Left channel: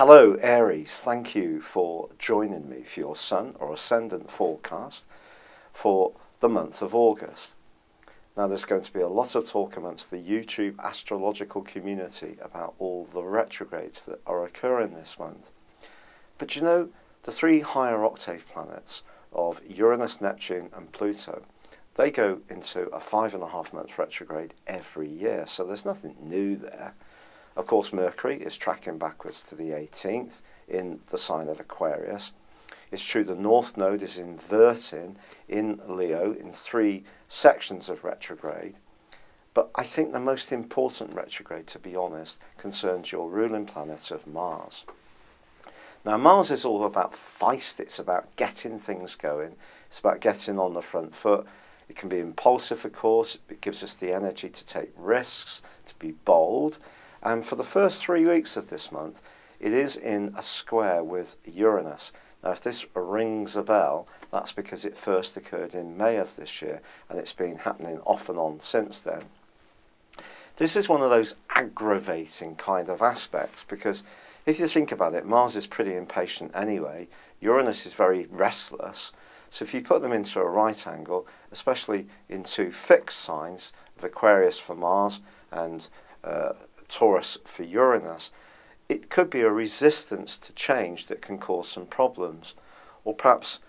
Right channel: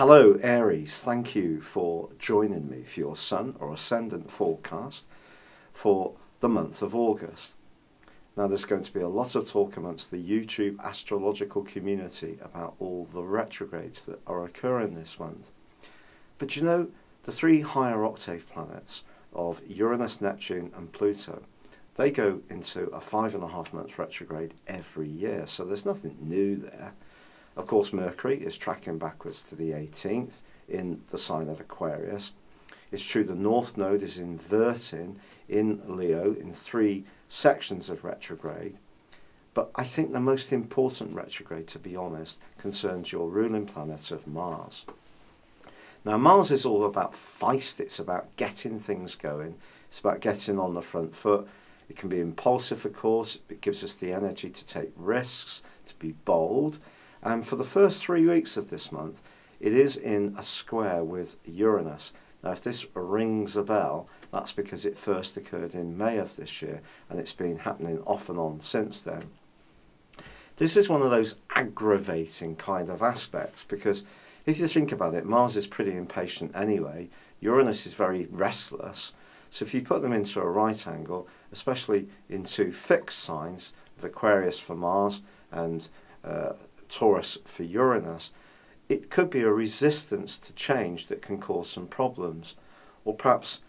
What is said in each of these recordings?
Hello Aries, thank you for joining me for your Sun or Ascendant forecast for the month of August. Now there's going to be a lot of talk amongst the YouTube astrological community about all the retrogrades that are occurring this month. But you know, the three higher octave planets of Uranus, Neptune and Pluto, they go into a 5.5 month retrograde every year, so there's nothing new there. Of course, Mercury is tracking backwards to the 18th in the sign of Aquarius. It's true the North Node is inverting in Leo in 3 sections of retrograde. But I think the most important retrograde, to be honest, concerns your ruling planet of Mars. Now, Mars is all about feist. It's about getting things going. It's about getting on the front foot. It can be impulsive, of course. It gives us the energy to take risks, to be bold. And for the first 3 weeks of this month, it is in a square with Uranus. Now, if this rings a bell, that's because it first occurred in May of this year, and it's been happening off and on since then. This is one of those aggravating kind of aspects, because if you think about it, Mars is pretty impatient anyway. Uranus is very restless. So if you put them into a right angle, especially into fixed signs of Aquarius for Mars and Taurus for Uranus, it could be a resistance to change that can cause some problems. Or perhaps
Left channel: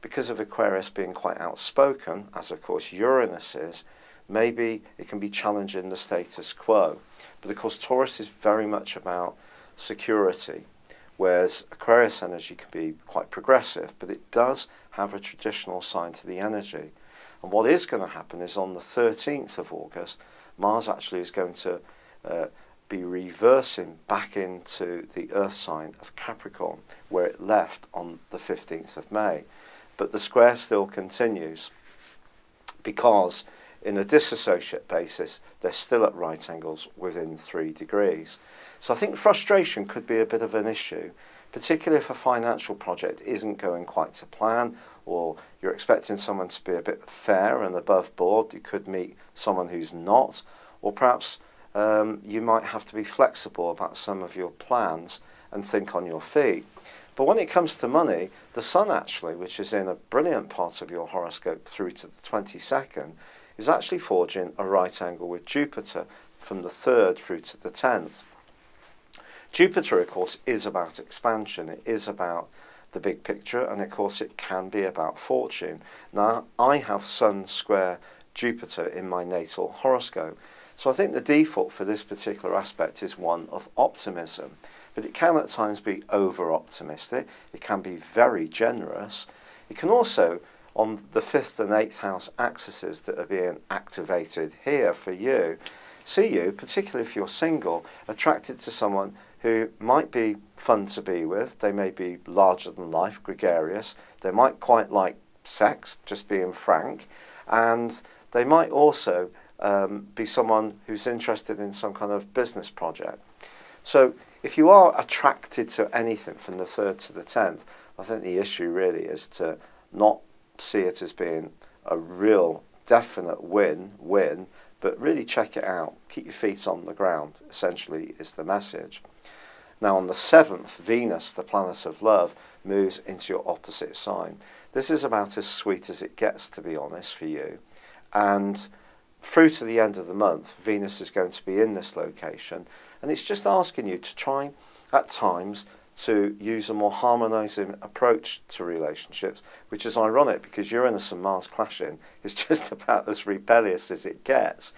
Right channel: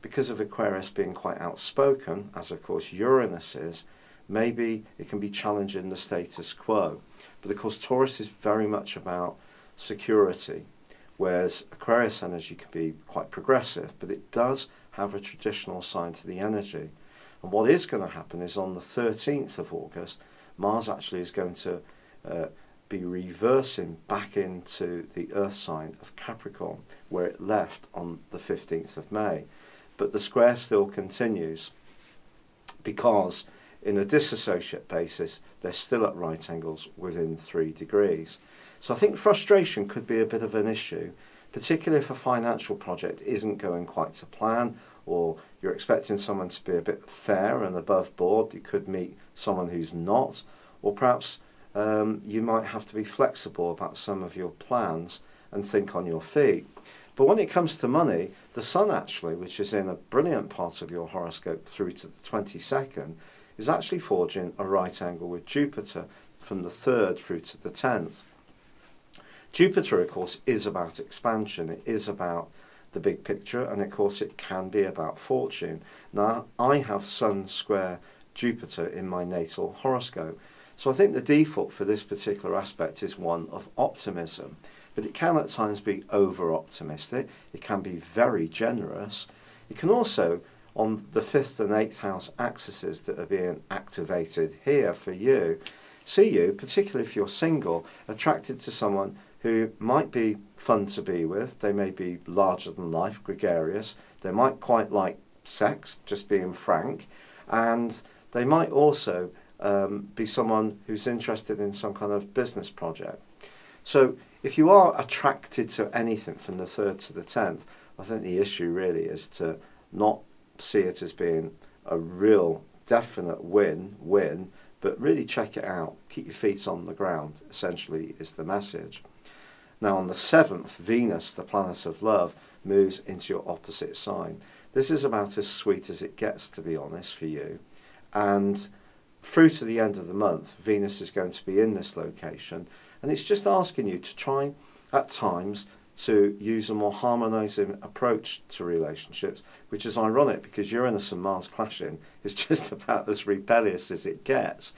because of Aquarius being quite outspoken, as of course Uranus is, maybe it can be challenging the status quo. But of course Taurus is very much about security, whereas Aquarius energy can be quite progressive, but it does have a traditional side to the energy. And what is going to happen is on the 13th of August, Mars actually is going to be reversing back into the Earth sign of Capricorn, where it left on the 15th of May. But the square still continues, because in a disassociate basis, they're still at right angles within 3 degrees. So I think frustration could be a bit of an issue, particularly if a financial project isn't going quite to plan, or you're expecting someone to be a bit fair and above board. You could meet someone who's not, or perhaps you might have to be flexible about some of your plans and think on your feet. But when it comes to money, the Sun actually, which is in a brilliant part of your horoscope through to the 22nd, is actually forging a right angle with Jupiter from the 3rd through to the 10th. Jupiter, of course, is about expansion. It is about the big picture, and of course it can be about fortune. Now, I have Sun square Jupiter in my natal horoscope. So I think the default for this particular aspect is one of optimism, but it can at times be over-optimistic. It can be very generous. It can also, on the 5th and 8th house axes that are being activated here for you, see you, particularly if you're single, attracted to someone who might be fun to be with. They may be larger than life, gregarious. They might quite like sex, just being frank, and they might also be someone who's interested in some kind of business project. So if you are attracted to anything from the 3rd to the 10th, I think the issue really is to not see it as being a real definite win, but really check it out. Keep your feet on the ground, essentially, is the message. Now on the 7th, Venus, the planet of love, moves into your opposite sign. This is about as sweet as it gets, to be honest, for you. And through to the end of the month, Venus is going to be in this location, and it's just asking you to try at times to use a more harmonising approach to relationships, which is ironic because Uranus and Mars clashing is just about as rebellious as it gets.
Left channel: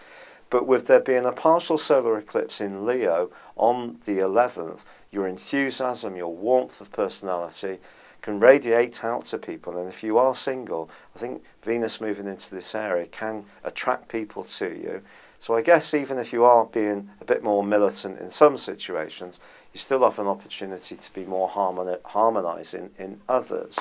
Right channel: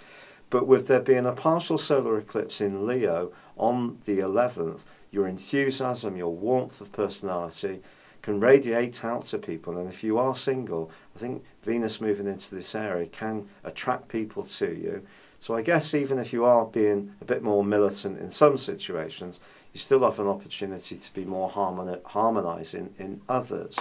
But with there being a partial solar eclipse in Leo on the 11th, your enthusiasm, your warmth of personality can radiate out to people. And if you are single, I think Venus moving into this area can attract people to you. So I guess even if you are being a bit more militant in some situations, you still have an opportunity to be more harmonising in others.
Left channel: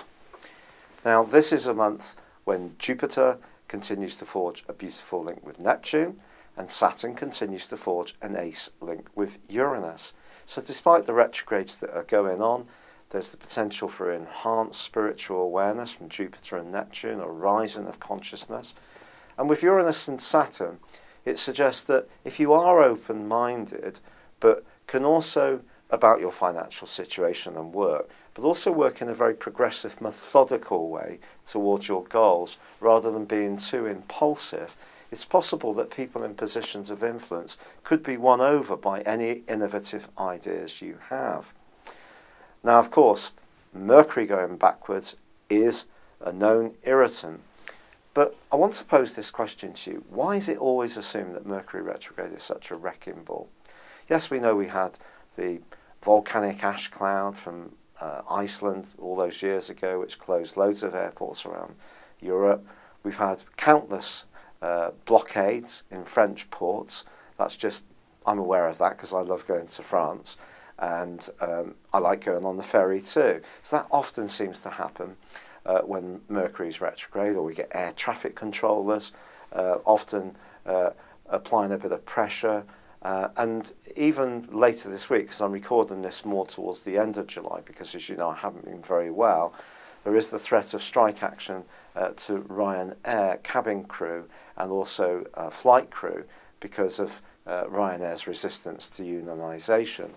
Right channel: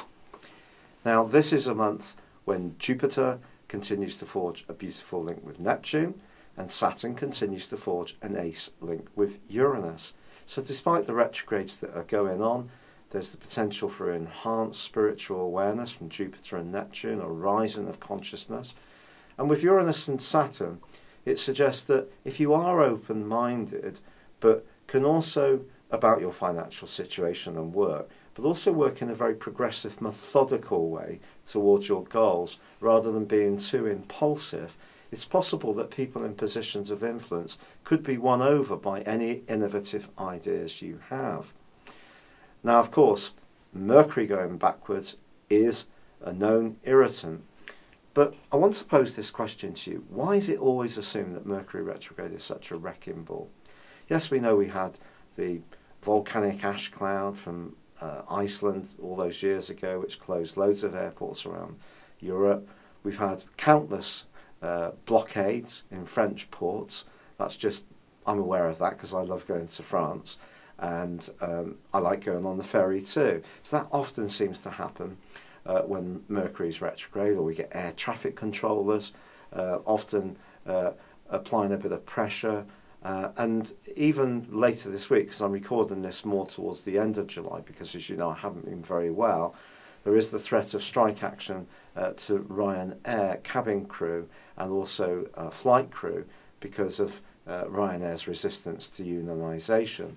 Now, this is a month when Jupiter continues to forge a beautiful link with Neptune, and Saturn continues to forge an ace link with Uranus. So despite the retrogrades that are going on, there's the potential for enhanced spiritual awareness from Jupiter and Neptune, a rising of consciousness. And with Uranus and Saturn, it suggests that if you are open-minded, but can also about your financial situation and work, but also work in a very progressive, methodical way towards your goals rather than being too impulsive. It's possible that people in positions of influence could be won over by any innovative ideas you have. Now, of course, Mercury going backwards is a known irritant. But I want to pose this question to you. Why is it always assumed that Mercury retrograde is such a wrecking ball? Yes, we know we had the volcanic ash cloud from Iceland all those years ago, which closed loads of airports around Europe. We've had countless blockades in French ports. I'm aware of that because I love going to France, and I like going on the ferry too. So that often seems to happen when Mercury is retrograde, or we get air traffic controllers often applying a bit of pressure. And even later this week, because I'm recording this more towards the end of July, because as you know I haven't been very well, there is the threat of strike action to Ryanair cabin crew and also flight crew because of Ryanair's resistance to unionisation.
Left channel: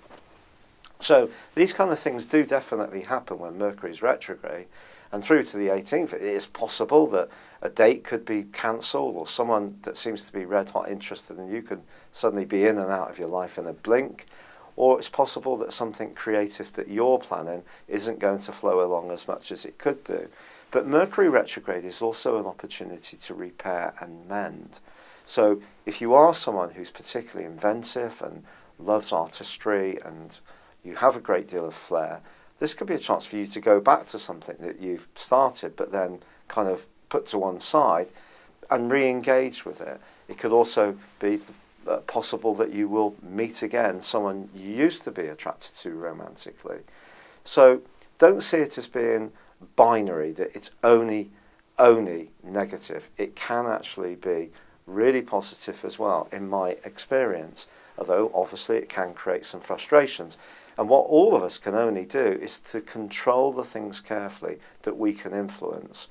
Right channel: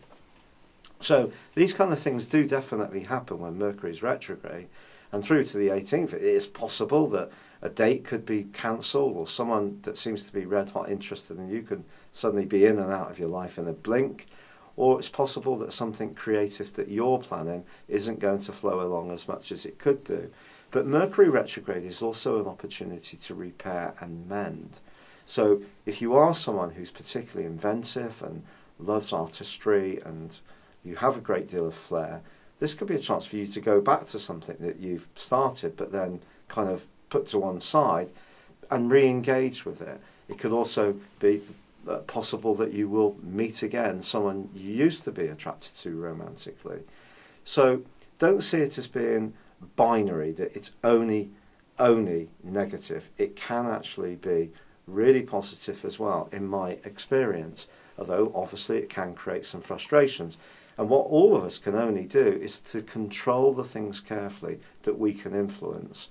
So these kind of things do definitely happen when Mercury is retrograde, and through to the 18th it is possible that a date could be cancelled, or someone that seems to be red hot interested in you could suddenly be in and out of your life in a blink. Or it's possible that something creative that you're planning isn't going to flow along as much as it could do. But Mercury retrograde is also an opportunity to repair and mend. So if you are someone who's particularly inventive and loves artistry and you have a great deal of flair, this could be a chance for you to go back to something that you've started but then kind of put to one side and re-engage with it. It could also be possible that you will meet again someone you used to be attracted to romantically. So don't see it as being binary, that it's only negative. It can actually be really positive as well, in my experience, although obviously it can create some frustrations. And what all of us can only do is to control the things carefully that we can influence.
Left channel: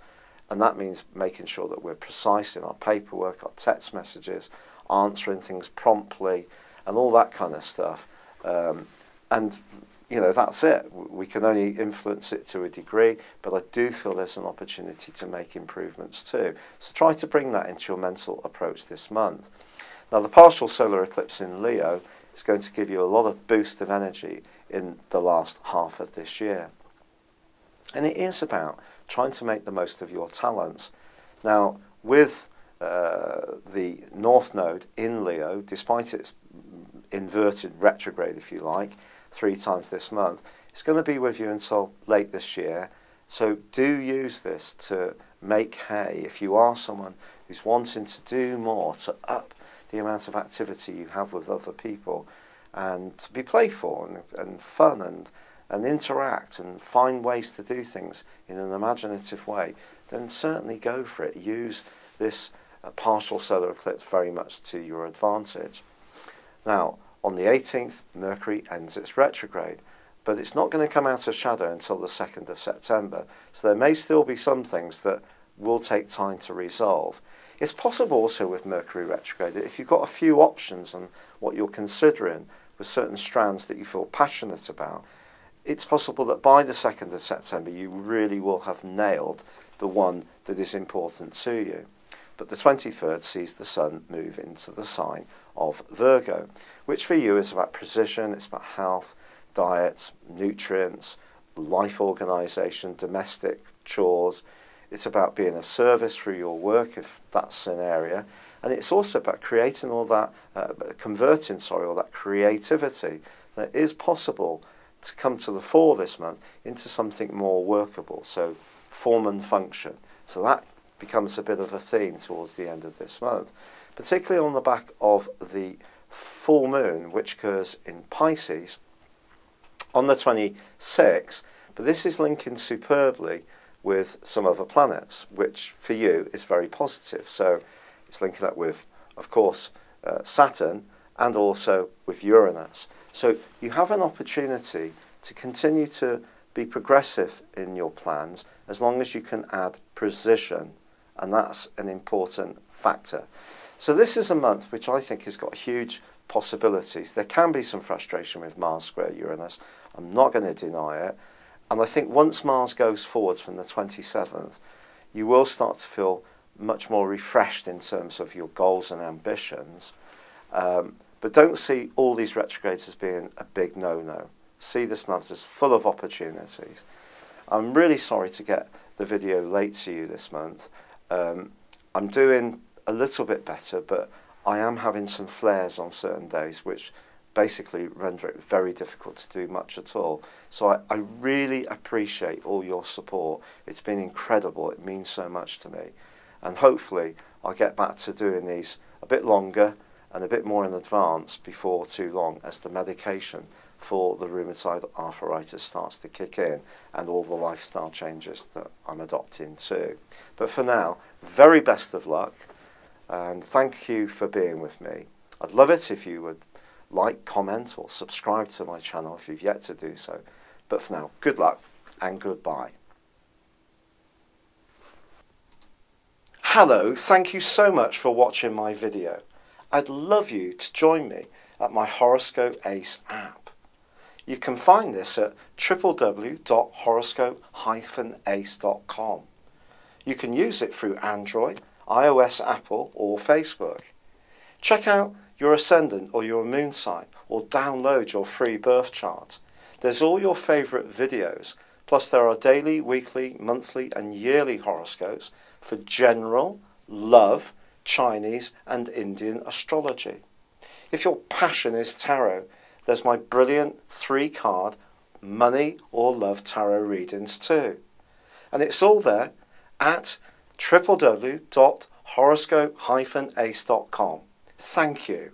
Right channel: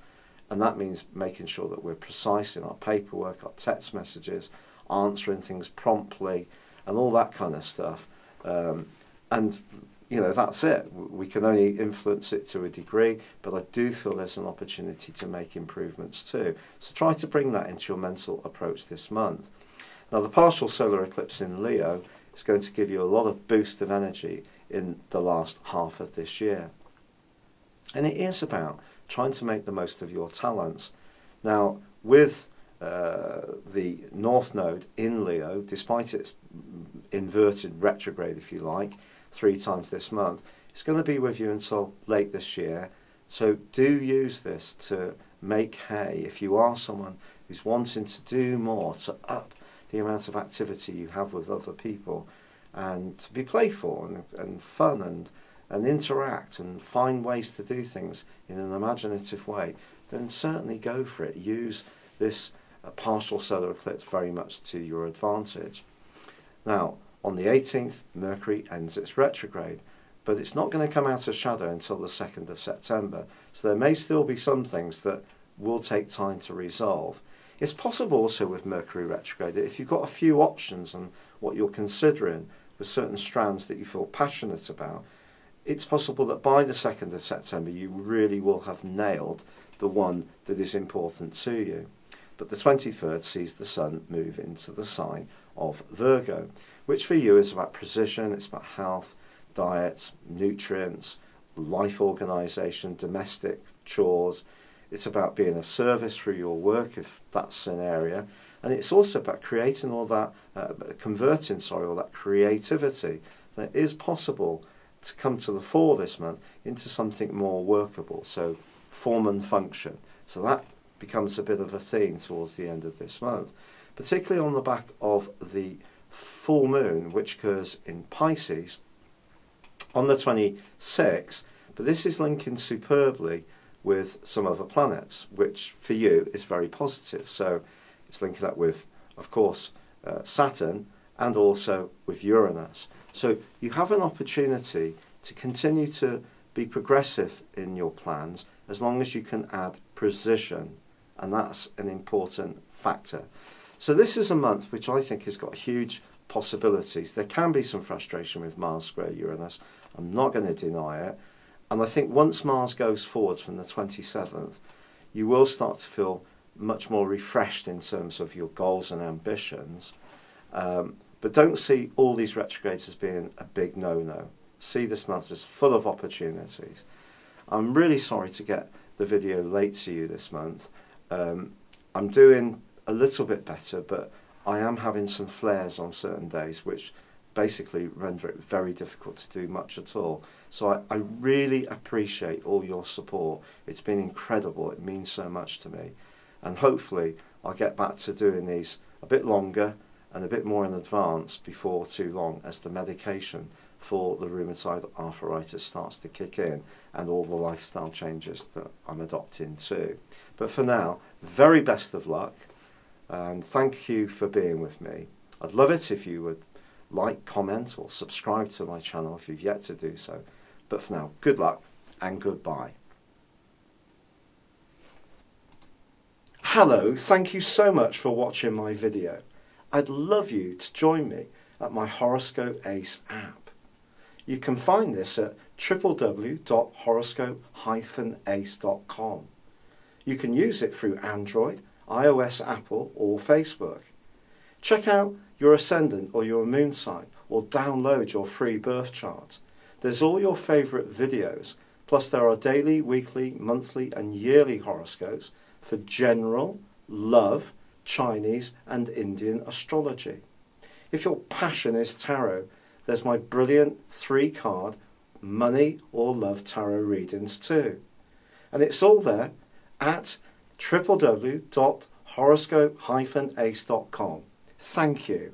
And that means making sure that we're precise in our paperwork, our text messages, answering things promptly, and all that kind of stuff. And, you know, that's it. We can only influence it to a degree, but I do feel there's an opportunity to make improvements too. So try to bring that into your mental approach this month. Now, the partial solar eclipse in Leo is going to give you a lot of boost of energy in the last half of this year. And it is about trying to make the most of your talents. Now, with the North Node in Leo, despite its inverted retrograde, if you like, 3 times this month, it's going to be with you until late this year. So do use this to make hay. If you are someone who's wanting to do more, to up the amount of activity you have with other people, and to be playful and fun and interact and find ways to do things in an imaginative way, then certainly go for it. Use this partial solar eclipse very much to your advantage. Now, on the 18th, Mercury ends its retrograde, but it's not going to come out of shadow until the 2nd of September, so there may still be some things that will take time to resolve. It's possible also with Mercury retrograde that if you've got a few options on what you're considering with certain strands that you feel passionate about, it's possible that by the 2nd of September you really will have nailed the one that is important to you. But the 23rd sees the Sun move into the sign of Virgo, which for you is about precision, it's about health, diet, nutrients, life organisation, domestic chores. It's about being of service through your work, if that's an area. And it's also about creating all that, converting all that creativity that is possible to come to the fore this month into something more workable. So form and function. So that becomes a bit of a theme towards the end of this month, particularly on the back of the full moon, which occurs in Pisces on the 26th. But this is linking superbly with some other planets, which for you is very positive. So it's linking up with, of course, Saturn, and also with Uranus. So you have an opportunity to continue to be progressive in your plans as long as you can add precision, and that's an important factor. So this is a month which I think has got huge possibilities. There can be some frustration with Mars square Uranus. I'm not going to deny it. And I think once Mars goes forwards from the 27th, you will start to feel much more refreshed in terms of your goals and ambitions. But don't see all these retrogrades as being a big no-no. See this month as full of opportunities. I'm really sorry to get the video late to you this month. I'm doing a little bit better, but I am having some flares on certain days, which basically render it very difficult to do much at all. So I really appreciate all your support. It's been incredible. It means so much to me. And hopefully I'll get back to doing these a bit longer and a bit more in advance before too long, as the medication for the rheumatoid arthritis starts to kick in and all the lifestyle changes that I'm adopting too. But for now, very best of luck, and thank you for being with me. I'd love it if you would like, comment or subscribe to my channel if you've yet to do so. But for now, good luck and goodbye. Hello, thank you so much for watching my video. I'd love you to join me at my Horoscope Ace app. You can find this at www.horoscope-ace.com. You can use it through Android, iOS, Apple or Facebook. Check out your ascendant or your moon sign, or download your free birth chart. There's all your favourite videos, plus there are daily, weekly, monthly and yearly horoscopes for general, love, Chinese and Indian astrology. If your passion is tarot, there's my brilliant 3-card money or love tarot readings too. And it's all there at www.horoscope-ace.com. Thank you.